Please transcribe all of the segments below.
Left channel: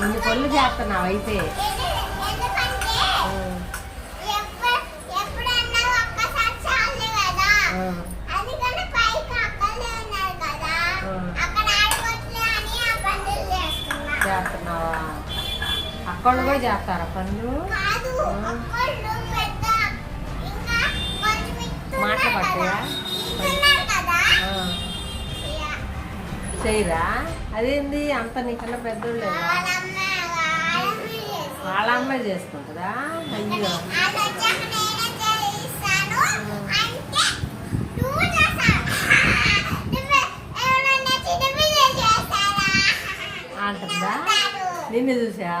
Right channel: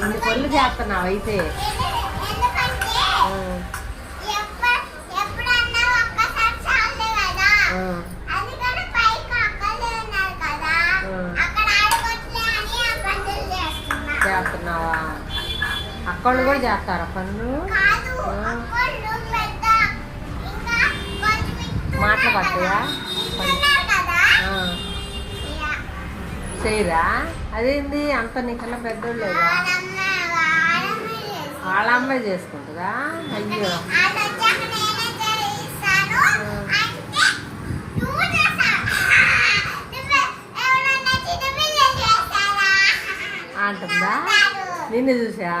ఇన్ని పనులు చేస్తున్నావు అయితే. చేస్తున్నావా? అక్కళ్ళు కూడా చేస్తారా పనులు? మాటలు పడతాయా? చేయరా? అదేంది? అంత నీకన్నా పెద్దోళ్ళు లేదా వాళ్ళ అమ్మాయి చేసుకుంటుందా? అయ్యో. అంటుందా నిన్ను చూసా?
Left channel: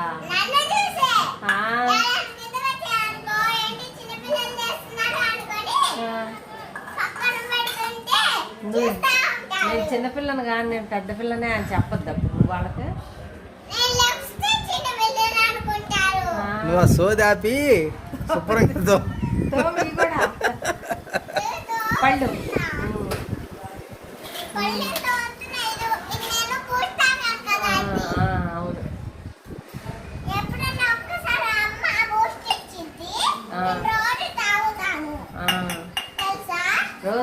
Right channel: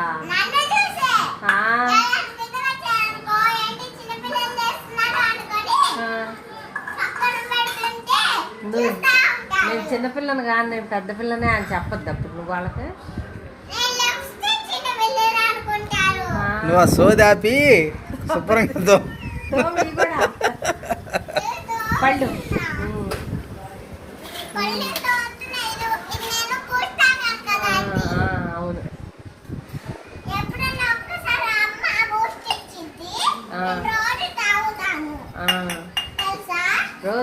నువ్వు నేను చిన్నపిల్లని కానీ నేను పెద్ద పిల్లనే అని చెప్పొద్దు అప్పుడు నువ్వు వాళ్ళకి. నువ్వు సోదాపి పళ్ళు. అవును. ఆ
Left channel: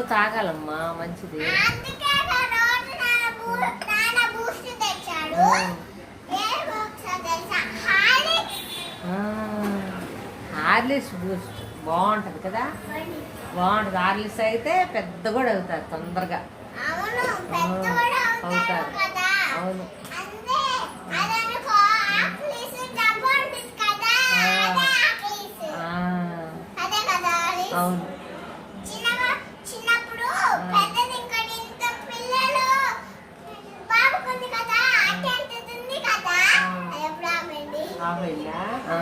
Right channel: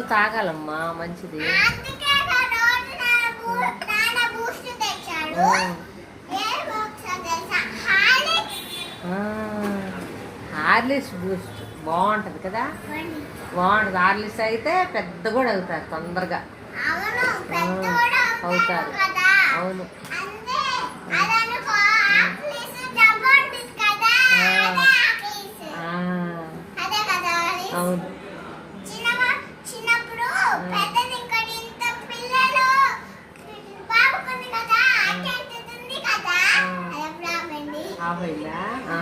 తాగాలమ్మా మంచిది. హార్లిస్ బూస్ట్ బాగుంటుంది కదా? బాగుంటుంది. హార్లిస్ అయితే పెద్ద కూడా అవుతారు తొందరగా. అవుతారు. అవును.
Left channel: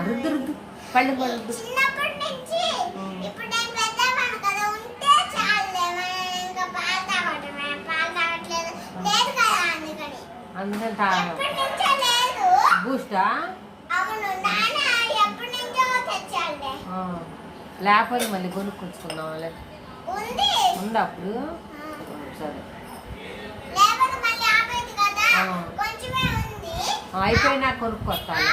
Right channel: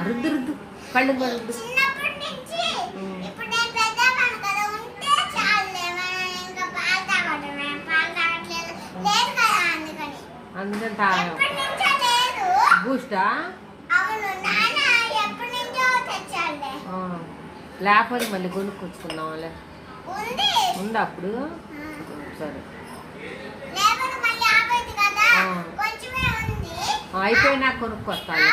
రుద్దు రుద్దు. పళ్ళు రుద్దు. బూస్టా? లేకపోతే మళ్ళీ కొనుక్కొచ్చుకున్నాం లేదు ఉంది అప్పుడు? సరే. అయిపోయినా కొనుక్కొస్తాను.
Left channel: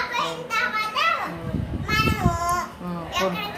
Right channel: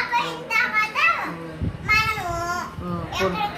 కొనుక్కో